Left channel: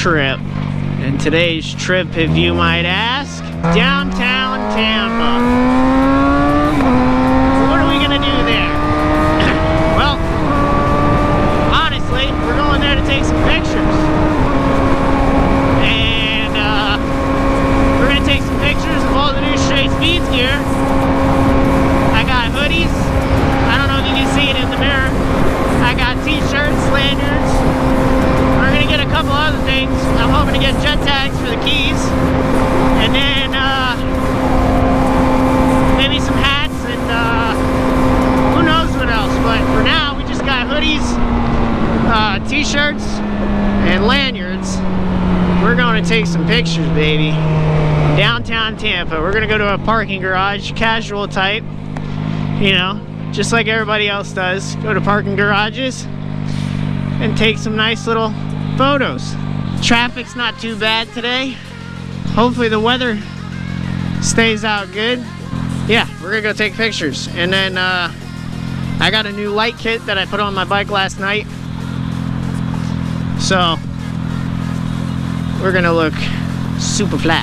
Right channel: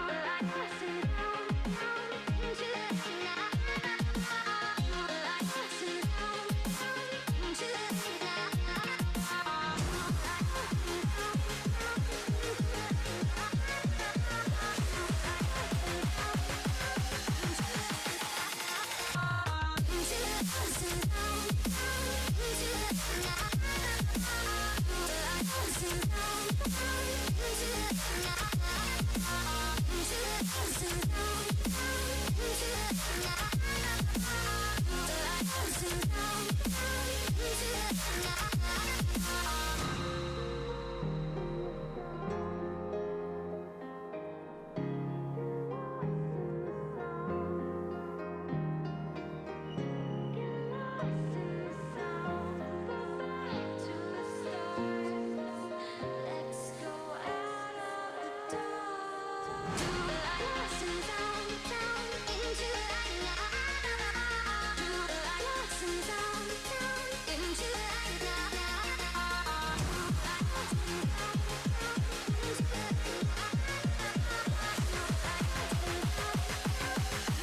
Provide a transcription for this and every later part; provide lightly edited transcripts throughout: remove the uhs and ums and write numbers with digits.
trip. And today's trip, if you might ask, downtown Tampa. What are we gonna do there? Well, honestly, we're going there to take some pictures. And we're gonna take some pictures of all the new Straight Speeds gear. I got hoodies. I don't know if you can see it in the mirror. I got t-shirts, lanyards. We're gonna get a couple other things. I'm hoping to get jet tags for the keys. And then maybe some hats and who knows what else. But for now, we just got hoodies, t-shirts, and lanyards. We're going to take some pictures, baby. Downtown Tampa. We're gonna go to a parking garage, casual type. You know, just like everybody else does. Go to parking garages and take some nice little photos. Traffic's not too bad today. Hopefully the weather stays out good. Yeah, we're gonna go take pictures. And then I got a new light kit that I put on my bike last night. So we're gonna look super fly.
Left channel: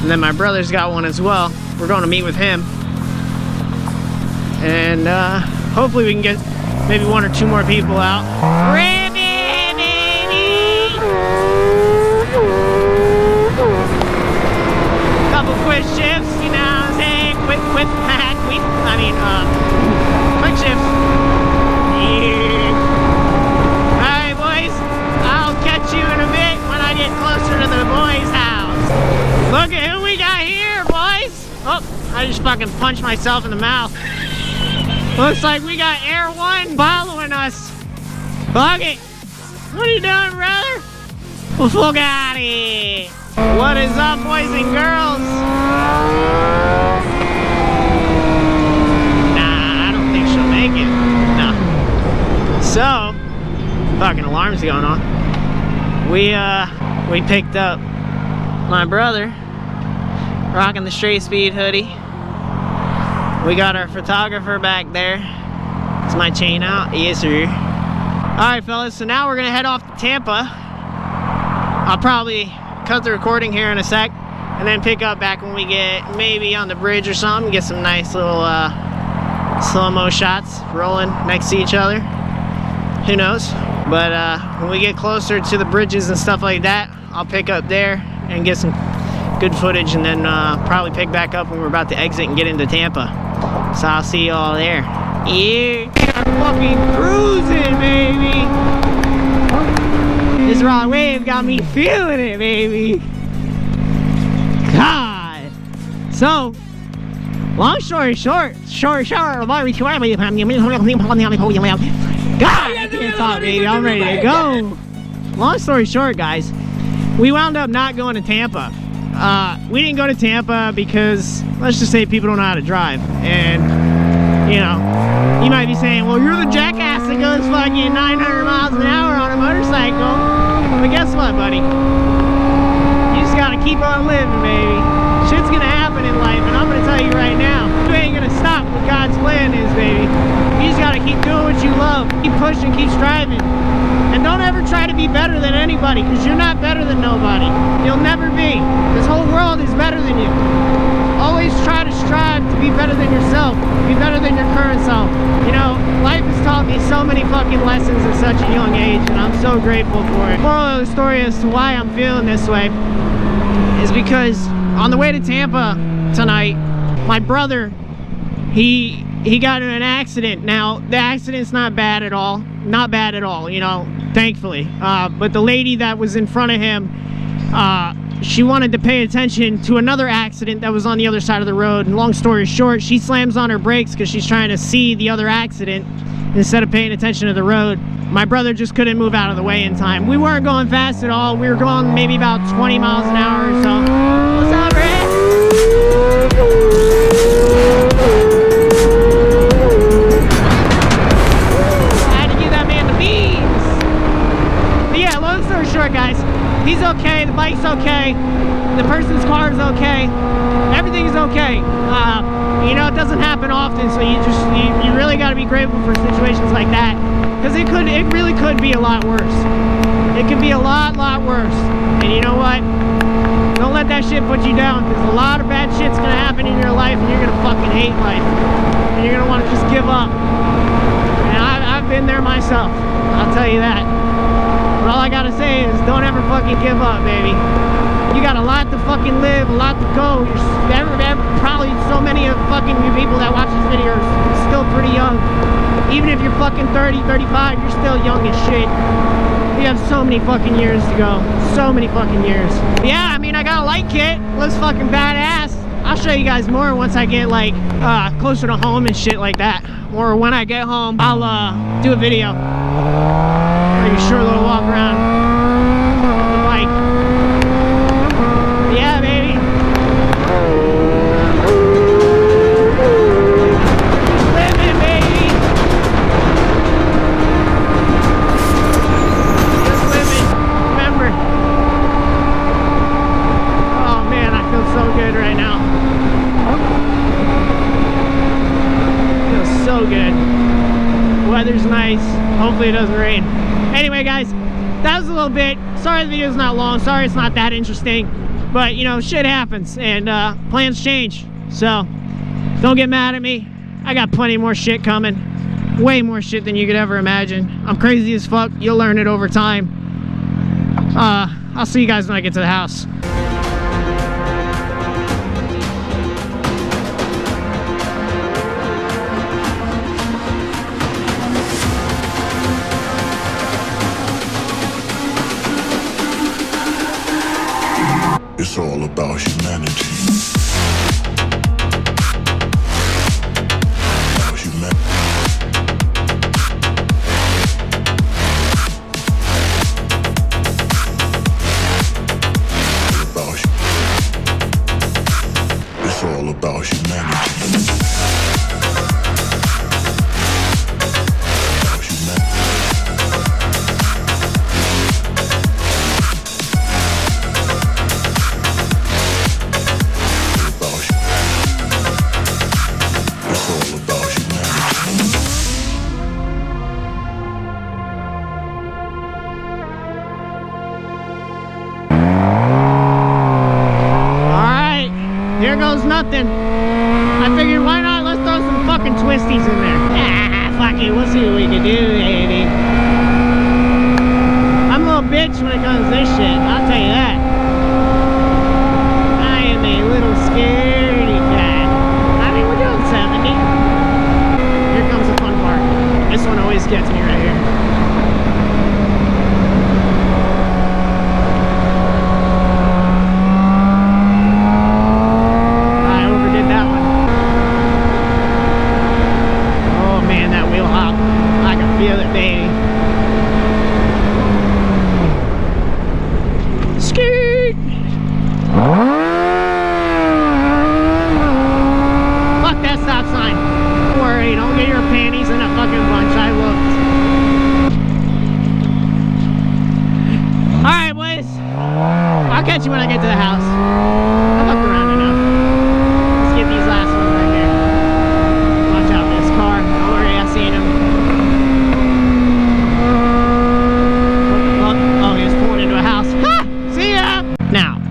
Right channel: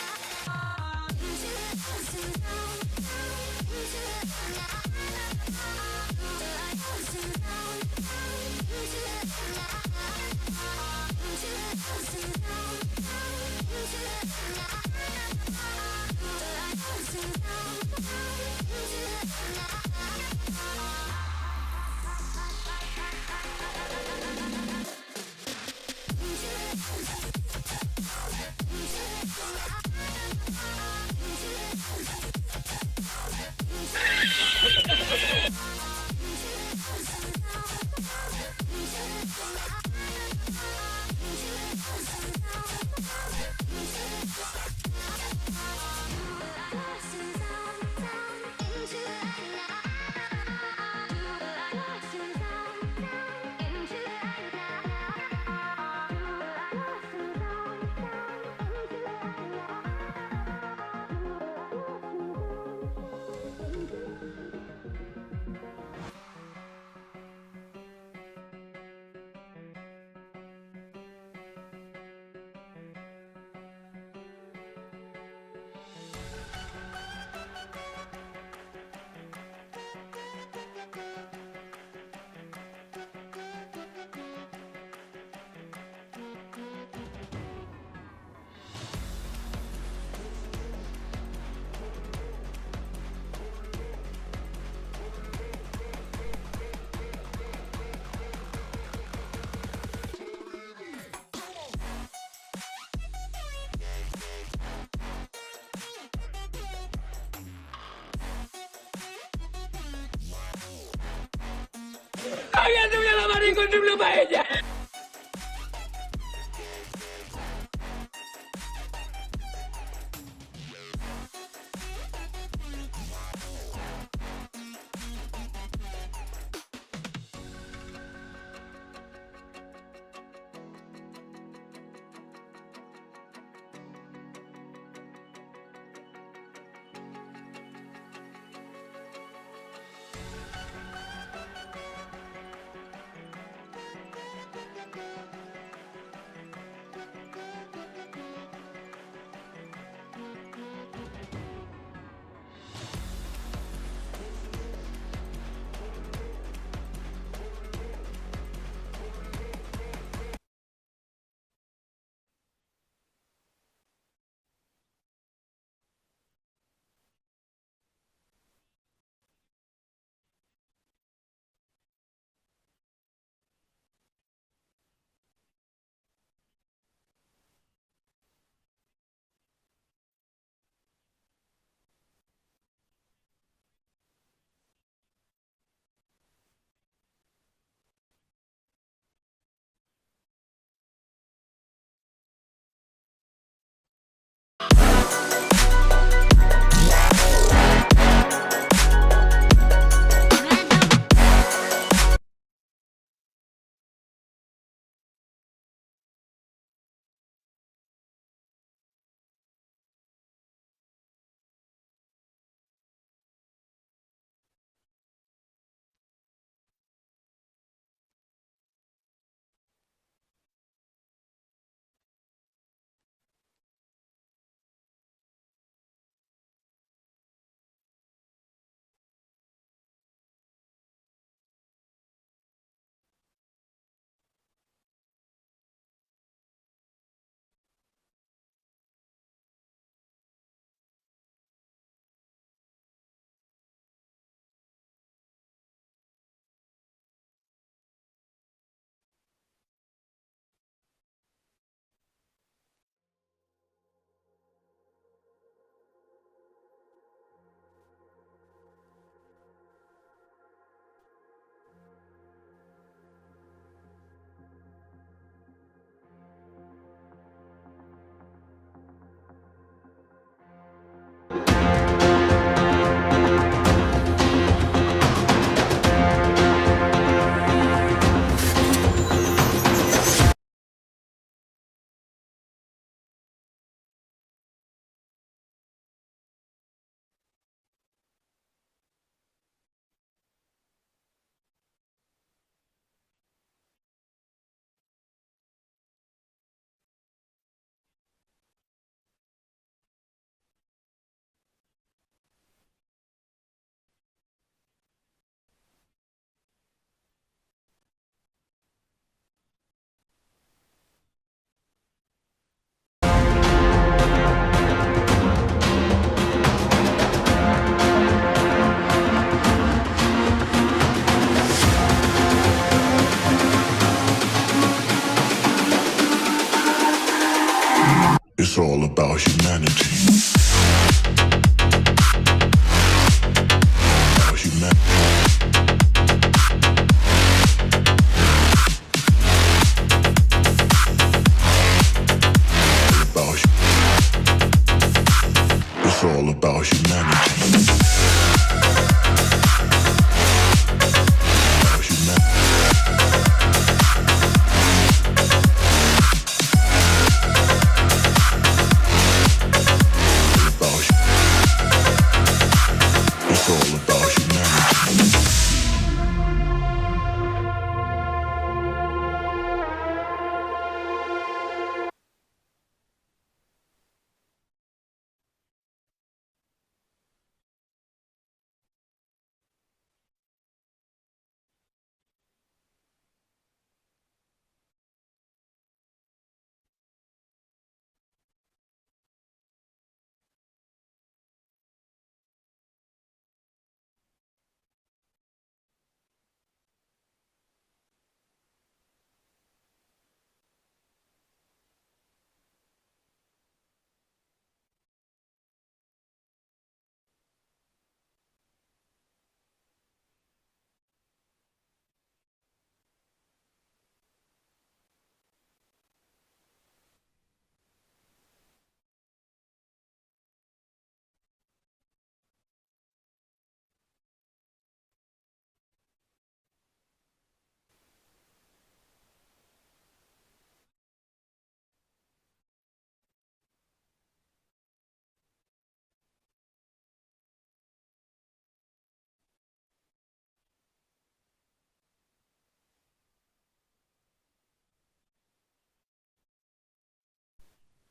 And then my brother's got one as well. We're gonna meet with him. And hopefully we can get maybe one or two more people out. Couple quick shifts, you know what I'm saying? Quick shifts. Yeah. Alright, boys. I'll catch you in a bit when I get closer to the boys' house. Look at who we got here, boys. Oh, I just fucking punched myself in the mouth. Looks like we got Air One following us. Fuck it. What are you doing, brother? Bugatti. What is up, boys and girls? Nah, I don't think she'll make it. No. So, fucking alarms going on. We picked up my brother, rocking the Straight Speed hoodie. We got our photographer back there. Is my chain out? Yes, sir. Alright, fellas, so now we're gonna head off to Tampa. I'll probably cut the recording here in a sec and then pick up back when we get maybe on the bridge or something. Get some nice little slow-mo shots rolling next to each other. Who knows? But when we get closer to the bridges and stuff like that, I'll pick up there and get some good footage, and then probably pick back up when we're about to exit and get into Tampa. So I'll see you all there. Yeah, fucking cruising, baby. This raw wave got me feeling it, baby. God. So, long story short, God, God, I'm ready to go. Long story short, guys, we wound up not going to Tampa. We didn't go to Tampa because, let's just say, people don't know how to drive. And, you know, you might be saying, well, you're the jackass that goes fucking 900 miles an hour on a motorcycle. But guess what, buddy? You just gotta keep on living, baby. Shit's gonna happen in life, and I'm gonna tell you right now, you ain't gonna stop what God's plan is, baby. You just gotta keep doing what you love. Keep pushing, keep striving. And don't ever try to be better than anybody, because you're not better than nobody. You'll never be. This whole world is better than you. Always try to strive to be better than yourself. Be better than your current self. You know, life has taught me so many fucking lessons at such a young age, and I'm so grateful for it. Moral of the story as to why I'm feeling this way is because on the way to Tampa tonight, my brother, he got in an accident. Now, the accident's not bad at all. Not bad at all, you know, thankfully. But the lady that was in front of him, she wanted to pay attention to another accident that was on the other side of the road. And long story short, she slams on her brakes because she's trying to see the other accident instead of paying attention to the road. My brother just couldn't move out of the way in time. We weren't going fast at all. We were going maybe about 20 miles an hour or so. What's up, Rick? Short, guys. He's okay. The bike's okay. The person's car is okay. Everything's okay. You know, it doesn't happen often, so you really got to be grateful for situations like that, because it really could be a lot worse. It could be a lot worse. And you know what? Don't let that shit put you down, because a lot of bad shit's gonna happen in your life and you're gonna fucking hate life. And you're gonna wanna just give up. And I've been there myself, I'll tell you that. But all I gotta say is don't ever fucking give up, baby. You got a lot to fucking live, a lot to go. Probably so many of fucking you people that watch this video are still pretty young. Even if you're fucking 30, 35, you're still young as shit. You have so many fucking years to go. So many fucking years. Yeah, I mean, I got a light kit. Looks fucking badass. I'll show you guys more once I get like closer to home and shit like that. Or when I get home, I'll do a video. Like a short little walk around the bike. Yeah, baby. Living, baby. Just living. Remember. Oh man, I feel so good right now. Feels so good. Weather's nice. Hopefully it doesn't rain. Anyway, guys, that was a little bit. Sorry the video's not long. Sorry it's not that interesting. But, you know, shit happens. And plans change. So, don't get mad at me. I got plenty more shit coming. Way more shit than you could ever imagine. I'm crazy as fuck. You'll learn it over time. I'll see you guys when I get to the house. It's all about humanity. About humanity. It's all about humanity. Here goes nothing. I figured, why not? Let's throw some fucking twisties in there. Ah, fuck it. We'll see what we can do, baby. I'm a little bitch when it comes to this shit. I'll tell you that. I am a little scaredy cat. I mean, we're doing 70. Here comes the fun part. This one always gets me right here. Feel it, baby. Skirt. Fuck that stop sign. Don't worry, don't get your panties in a fucking bunch. I looked. Alright, boys. I'll catch you when I get to the house. I looked around enough. Let's get these last ones right here. Watch out for this car. Don't worry, I've seen him.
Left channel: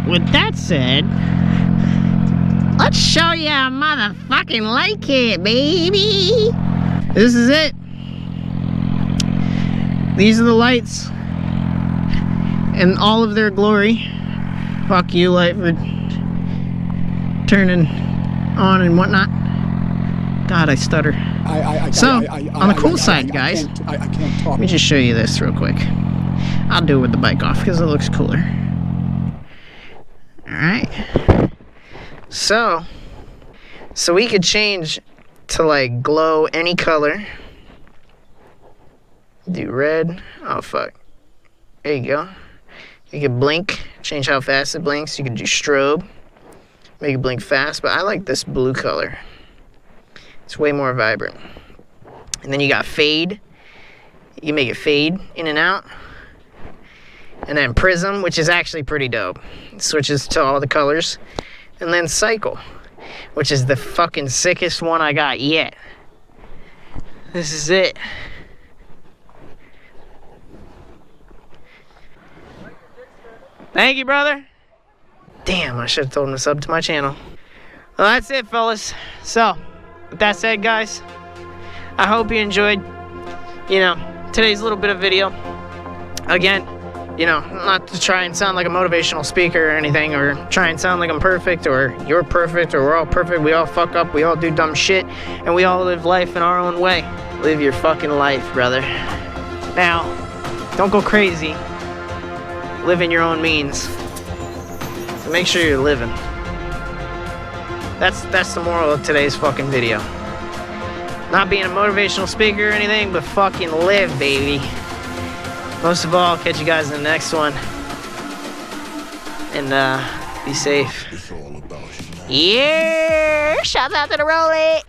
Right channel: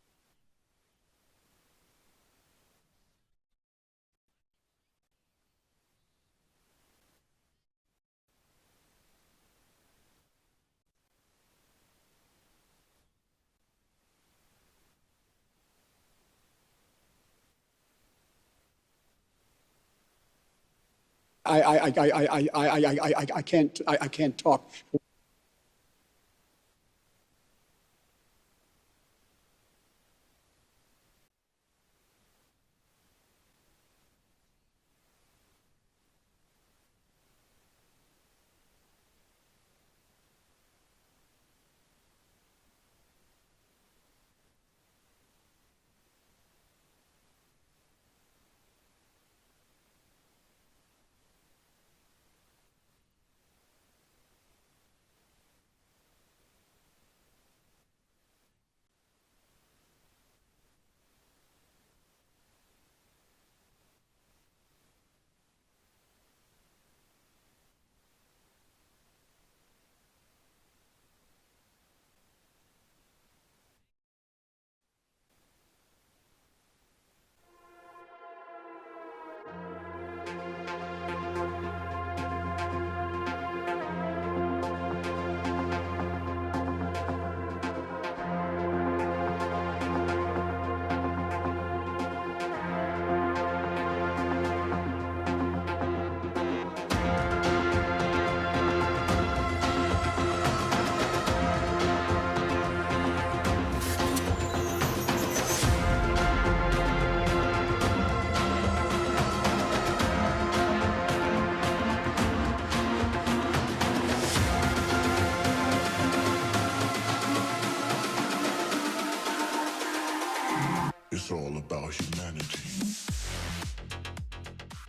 With that said, let's show you a motherfucking light kit, baby. This is it. These are the lights in all of their glory. Fuck you, light, for turning on and whatnot. God, I stutter. On the cool side, guys, I can't talk. Let me just show you this real quick. I'll do it with the bike off because it looks cooler. Alright, so we could change to like glow any color. Do red. Oh fuck, there you go. You could blink, change how fast it blinks. You could do strobe, make it blink fast, but I like this blue color. It's way more vibrant. And then you got fade. You can make it fade in and out. And then prism, which is actually pretty dope. It switches to all the colors. And then cycle, which is the fucking sickest one I got yet. This is it. Thank you, brother. Damn, I should have told him to sub to my channel. Well, that's it, fellas. So, with that said, guys, I hope you enjoyed, today's little bit of video. Again, not to try and sound like a motivational speaker or anything, or try and sound like I'm perfect, or you're perfect, or we're all perfect. We all fuck up, we all do dumb shit, and we all live life in our own way. Live your fucking life, brother. Now, don't go crazy. Live in your own means. Make sure you're living. That's the moral of today's fucking video. Not being a motivational speaker or anything, but fucking live, baby. Most of all, I'll catch you guys in the next one. And be safe. It's all about humanity. Yeah! Shout out to the Rollie!